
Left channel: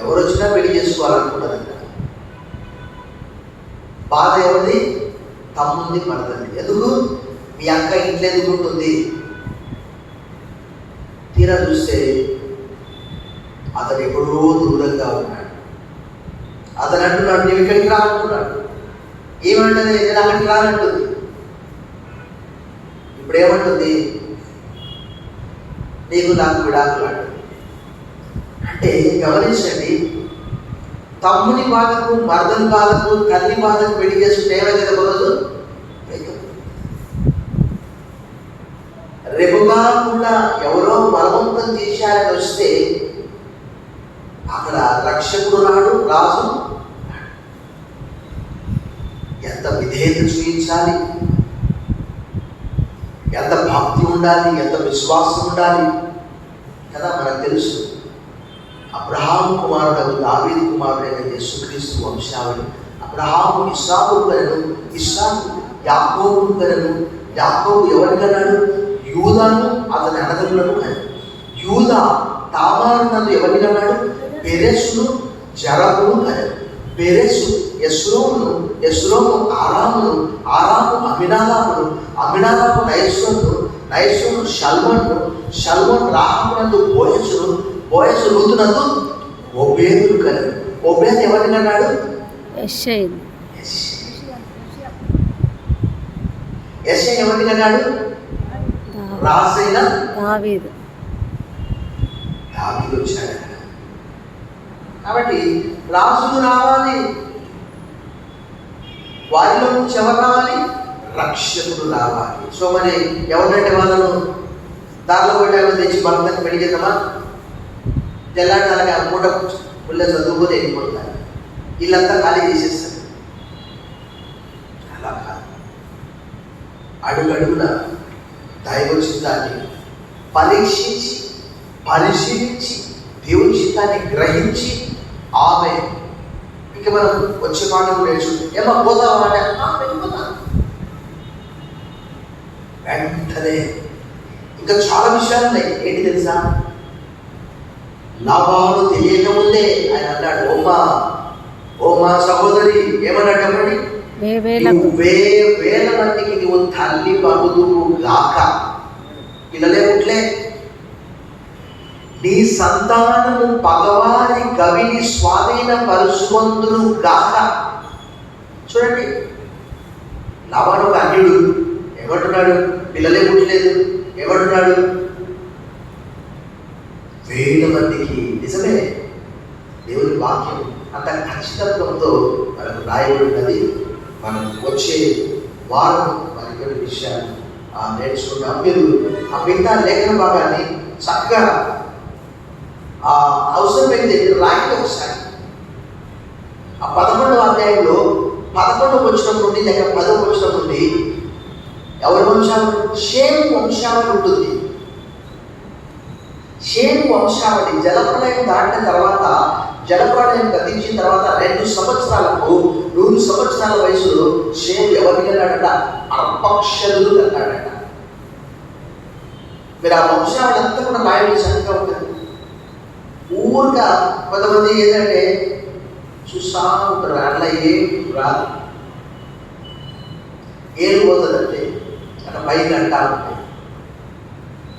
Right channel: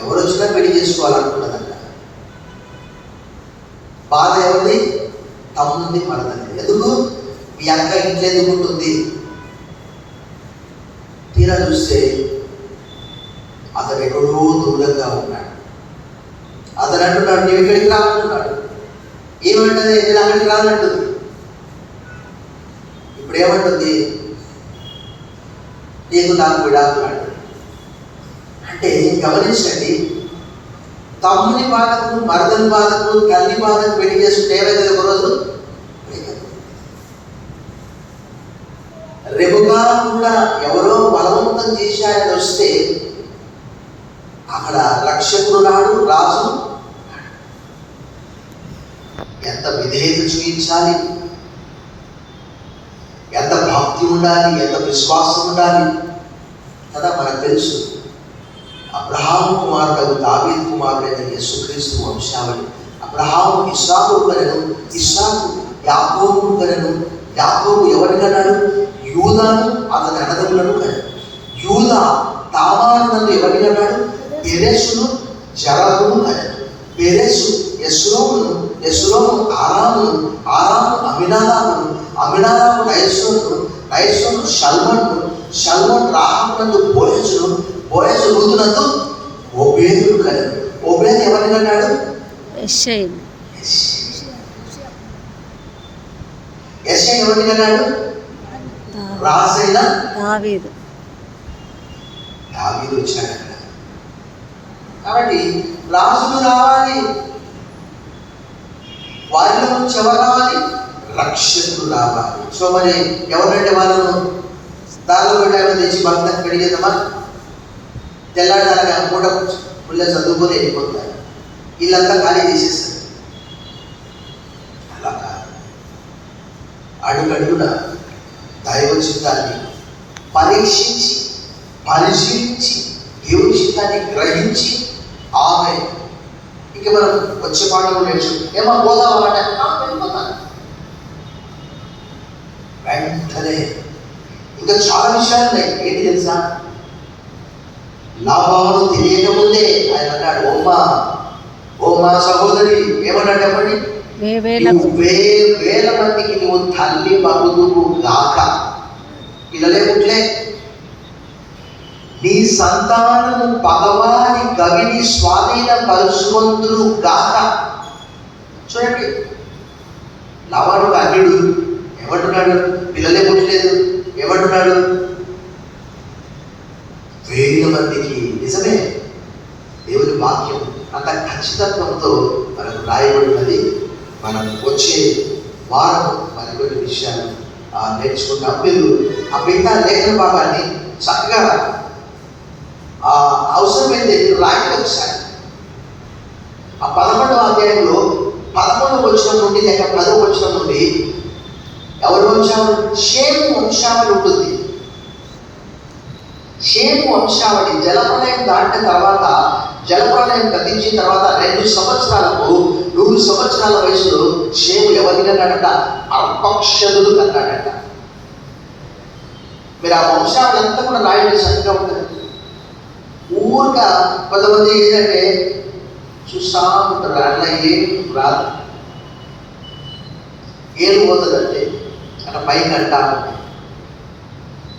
ఎవరు వచ్చినా పెళ్లి చేసుకోవాలనుకున్నదంట. బాధ ఎవరిది? తమ్ముడిది, మరదది. ఎందుకు? మీ అక్క ఇంట్లో ఎందుకు ఉంటుంది? తీరా చూస్తే అతను ఎక్కడో దూరంగా ఉన్నాడు. అతను అంటున్నాడు, నువ్వు ఇక్కడికి రా అంటున్నాడు. ఏమంటుంది? నేను అక్కడికి రానంటుంది. ఇప్పుడు ఏమంటుంది? నీకు నాకు విడాకులు అంటుంది. అంటే గమనించండి, తమ్ముని బాధకు, మరదలి బాధకు, తల్లి బాధకు పెళ్లి చేసుకుంటే ఏమైంది? ఒకరోజు రేపుగా కూడా ఎవరో బలవంతం చేశారని వస్తే అక్కడ రక్షకుడు నాడు, రాజు ఎంత విధేయత చూపించాలి, ఎంత భక్తి ఉండాలి, ఎంత విశ్వాసం ఉండాలి కదా మనకు తెలుసు. అబ్రహాము కుమారుడు దావీదు కుమారుడైన యేసుక్రీస్తు వంశావళి. అబ్రహాము ఇస్సాకు కనెను, ఇస్సాకు యాకోబు కనెను, యాకోబు ఎవరిని కన్నాడు? యూదాను అతని అన్నదమ్ములను కనెను. యూదా తామారు నందు ఎవరిని కన్నాడు? పెరెసును జరహును కనెను. పెరెసు యెస్రోమును, యెస్రోము ఆరామును, ఆరాము అమినాదాబును, అమినాదాబు నయస్సోను, నయస్సోను షల్మోను, షల్మోను రాహమునందు బోయజును, బోయజు రూతునందు ఓబేదును కనెను. ఓబేదు ఎవరిని కన్నాడు? యెషయను. యెషయా ఎవరిని కన్నాడు? రాజైన దావీదు. దావీదు వచ్చాడు. కాబట్టి రాజులు రావాలి, వారిలో నుంచి ఎవరు రావాలి? రక్షకుడు రావాలి. సో మరి ఎవరంటే వాళ్ళను దారిలో పెట్టామని తెచ్చి భక్తకు పెళ్లి చేద్దామా? తెల్లాడాలని ఆ పూట పుల్ల చదువుకొని వెళ్ళిపోతారు, వీళ్ళంతా ఖాళీ చేసేస్తారు. అలా కాదు, అడుగడుగున దైవ చిత్తాన్ని పరీక్షించి పరిశీలించి దేవుని చిత్తాన్ని గ్రహించి ఆమె ఇక మనం వచ్చే పాటలు నేర్చుకుంటాం. ఏమో పోదామా అంటే వెళ్ళిపోతాను వెంటనే. ఇంకా చాలా విషయాలు ఉన్నాయి. ఏంటి తెలుసా? లాభాలు తెలియకముందే ఆయన అన్నాడు, ఓ మా సహోదరి, ఏమన్నాడు? చెప్పండి. వేల మందికి నువ్వు తల్లి బగుదువు గాక. పిల్లలే పుట్లే, నీ సంతానము పగవారి గవిని స్వాధీన పరుచుకొందురు గాక. చూడండి, లాభాడు అన్యుడు ఏమంటున్నాడు? పిల్లలే పుట్టలేదు. ఏమంటున్నాడు? వేల మందికి. నిజమే, దేవుని వాక్యం అంత ఖచ్చితత్వంతో మనకు రాయబడినది. మనం వచ్చే వారం మరికొన్ని విషయాలు నేర్చుకుంటాం. మీరు ఆ మిగతా లేఖన భాగాన్ని చక్కగా అవసరమైతే మీరు రాయండి ఒకసారి. ఆ 11వ అధ్యాయంలో 11వ వచనం నుండి లేక 10వ వచనం నుండి ఎవరి వంశావళి? షేము వంశావళి ఉంటుంది. షేము వంశావళి జలప్రలయం దాటిన తర్వాత, జలప్రలయం గతించిన తర్వాత 2 సంవత్సరాలకు 100 సంవత్సరాల వయసులో షేము ఎవరిని అన్నాడట? అర్పక్షదుడు అన్నాడట. మీరు ఆ వంశావళి అంతా కూడా రాయండి, చక్కగా ఉంటుంది. ఊరుగా కొంతమంది ఏంటంటే చూస్తా ఉంటారు, అట్లా ఏం రాదు, ఏం పోతుందంటే అట్లా పైకి అంటా ఉంటాయి.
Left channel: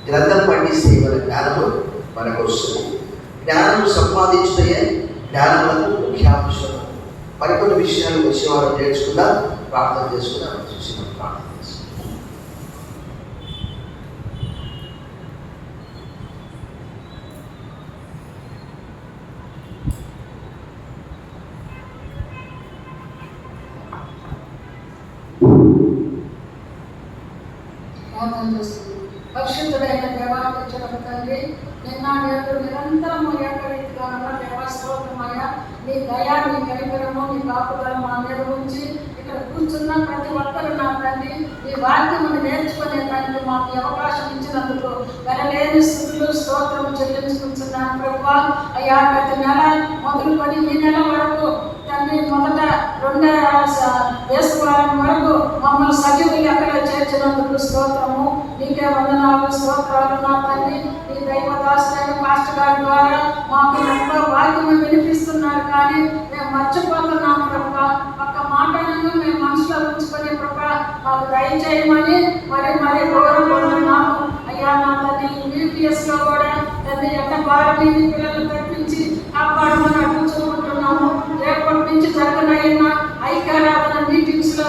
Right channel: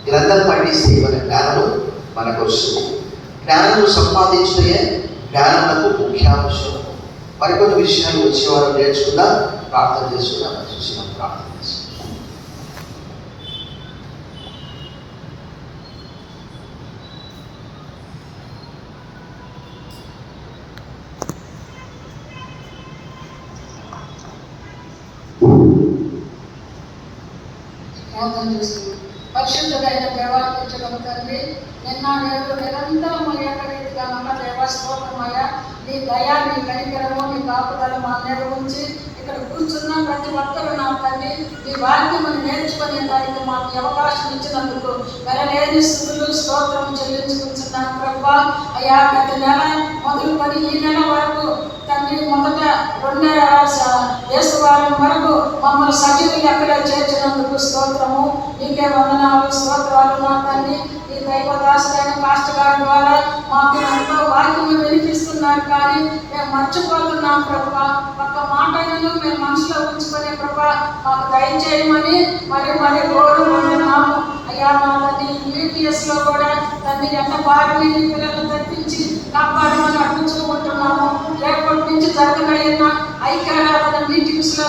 గ్రంథం పండిస్తే మన జ్ఞానము మనకు వస్తుంది. జ్ఞానం సంపాదించే జ్ఞానాలకు ముఖ్యాంశం. మరికొన్ని విషయాలు వచ్చేవారు నేర్చుకుందాం. ప్రార్థన చేసుకుందాం. చూసి మనం ప్రార్థన చేసుకుందాం. పరిశుద్ధుడైన దేవాలయ తండ్రి, నిన్న నేడు నిరంతరము ఏకరీతిగా ఉన్న దేవస్తోత్రమయ, నీ దయా, నీ కనికరము, నీ కాపుదల మా మీద ఉంచి ఇక్కడ కూర్చున్న ప్రతి ఒక్కరు నా తండ్రి ఈ వాక్యము నేర్చుకునే దానికి మాకు అవకాశం ఇచ్చినందుకు వెరలేని స్థుతులు స్తోత్రం చెల్లించుకుంటున్నాను ప్రభువా. అయ్యా, గత నెల మొదలుకొని ఈ నెల వరకు తండ్రి మొదట 2వ యేసువారం వరకు మమ్మల్ని సజీవులు ఎక్కడ చేర్చినందుకు స్తోత్రము, నీకే వందనాలు, స్తోత్రాలు నా తండ్రి. ఈ దైవదాసుడైన పాస్టర్ గారి ద్వారా మాకు ఎంతో వాక్యము వినిపిస్తున్నారు, కానీ మేము మర్చిపోతున్నాం ప్రభా. ఒక్క మాటను మేము మనసులో ఉంచుకొని ప్రభా మాకు దయచేయమని మరి కోరుకుంటున్నాము. అయ్యా, నా తండ్రి యూపీఎస్లో కూడా తండ్రి ఎంత భారీ పిల్లలు తెప్పించి కాపాడమని అడుగుతుంటున్నాము. రేపటి నుంచి జరగనైనా ఐక్యరాధన మీటింగ్స్లో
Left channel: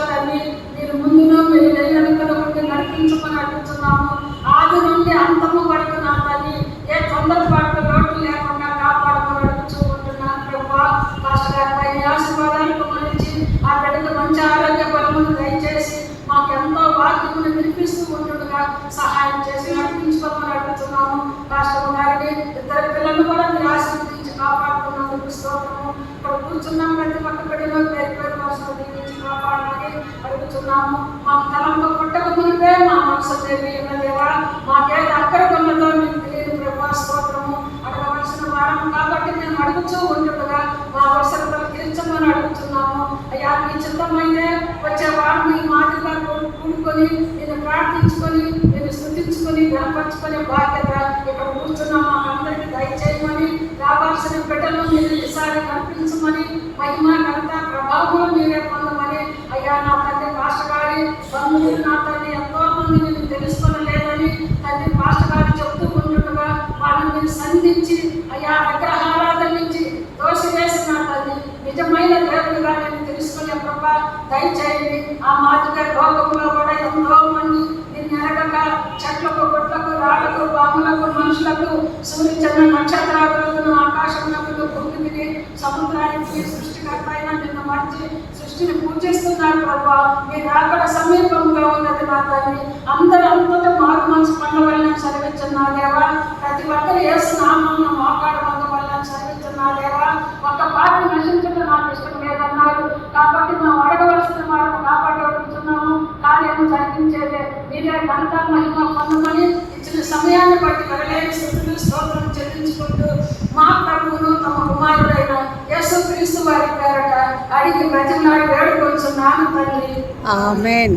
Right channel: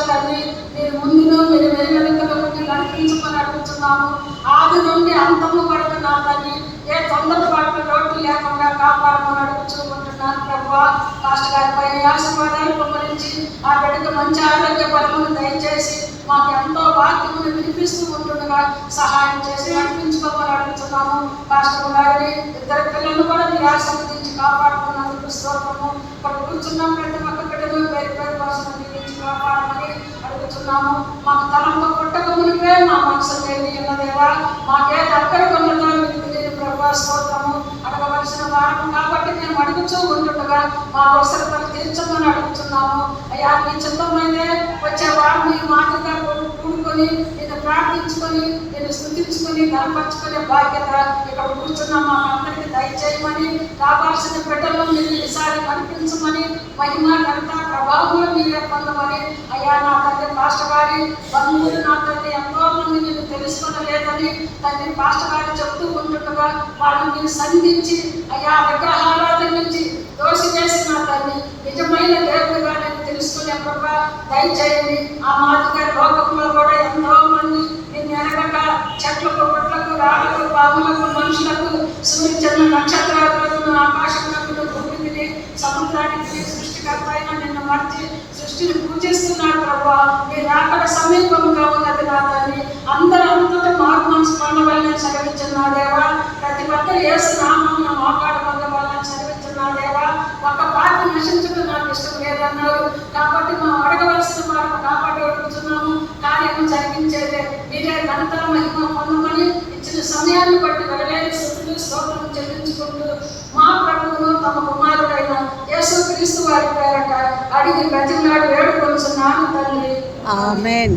మీరు వెలుగులోకి నడిపించమని అడుగుతున్నాము. ఆది నుండి అంతము వరకు నా తల్లి ఏ తొందరపాటు లోటు లేకుండా కాపాడమని అడుగుతూ ఉంటున్నాను ప్రభువా. పాస్టర్ గారిపై ఆశీర్వాదాలు పొందించి ఆ బిడ్డకు మంచి ఆరోగ్య బలమును దయచేసి మాకు ఎంతో వాక్యమును వినిపిస్తూ ఉంటుండగా సహాయం చేసి నడిపించుకోమని అడుగుతున్నాము. పాస్టర్ గారిని ఇద్దరు పిల్లలు కూడా మీరు ఆశీర్వదించి కాపాడుతున్నందుకు స్తోత్రము. ఇక్కడ కూర్చున్న ప్రతి ఒక్క బిడ్డను పేరు పేరు కోసం దీవించి కాపాడమని అడుగుతున్నాము. మాకు తలంతో పుట్టకమునిపే మా మనసు తెలియ ఉన్నదేవా, మాకేది అక్కడ ఉన్నదో మీకు తెలియని ప్రభా స్తోత్రము. అడగవలసిన వారం కాబట్టి మేము అడుగుతూ ఉంటుండగా మా అవసరతలు తీర్చమని అడుగుతున్నాము. అయ్యా మీ చిత్తమైతే వచ్చే వారం మీ మాటగా కూడుకొని నేను ప్రార్థించుకొని నేను స్థుతించుకొని గనపరుచుకునే బాధ్యత ఇక్కడ కూర్చున్న మాకందరికీ దయచేయమని, రావాల్సిన బిడ్డలను మీరు ఈసారి కనిపించమని, మహిమ ఘనత ప్రభావం మీరే పొందమని. అయ్యా నా తండ్రి పాస్టర్ గారి బంధువులు నా తండ్రి ఎంతో మంది నేను తెలుసుకోలేదని తండ్రి పాస్టర్ గారు చెప్తూ ఉంటుండగా వాళ్ళని నేను సంధించి అయ్యా విగ్రహారాధన నుంచి దోషివేసి నా తండ్రి నిజమైన దేవుడిగా నేను తెలుసుకునే కృప దయచేయండి. ఆ మాదిగా లోకంలో కూడా ఎంతో మంది నేను ఎనగక చెట్లకు గుట్లకు రాళ్ళకు పాములకు మనుషులకు సూర్యచంద్ర నక్షత్రాలకు ఆకాశంలో భూమికి సముద్రానికి సృష్టికర్త అయిన నిన్ను మర్చి సృష్టిని పూజిస్తున్నారు ప్రభా. మీ రాకడ సమీపంగా ఉన్నది నా తల్లి. అందరూ అంతటా మారు మనసు పొందవలని సెలవిస్తున్నాదేవా. ప్రతి ఒక్కరు యేసు నామమున మోకాడు పొందవలని సెలవిస్తున్నాదేవా. ఒక పార్టీ నశించడం నాకు ఇష్టం లేదన్నారు కాబట్టి మేము అడగవలసిన వారిని కాపాడి అడుగుతున్నాము. కార్యము జరిగించేదే మీరే ఘనత మహిమ పొందమని ఇచ్చిన సమయాన్ని బట్టి వెరలేని స్థితులు స్తోత్రం చెల్లించుకుంటూ మా ప్రభువును తమ కుమారుడైన యేసుక్రీస్తు వారి పేరట అడిగి ప్రతినాడు వేడుకొంచున్నాను తండ్రి. ఆమేన్.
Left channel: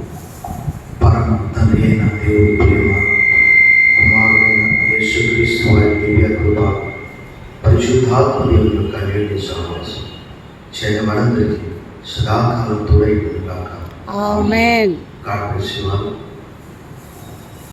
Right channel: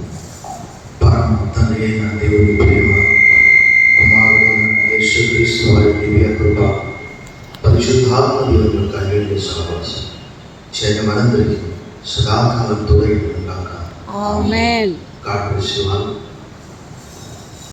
పరమ తండ్రి అయిన దేవుని ప్రేమ, కుమారుడైన యేసుక్రీస్తు వారి దివ్య కృప, పరిశుద్ధాత్మ దేవుని యొక్క అన్యోన్య సహవాసం చేయని మనందరికీ సదాకాలం తోడై ఉండుగాక. ఆమేన్. God bless you all.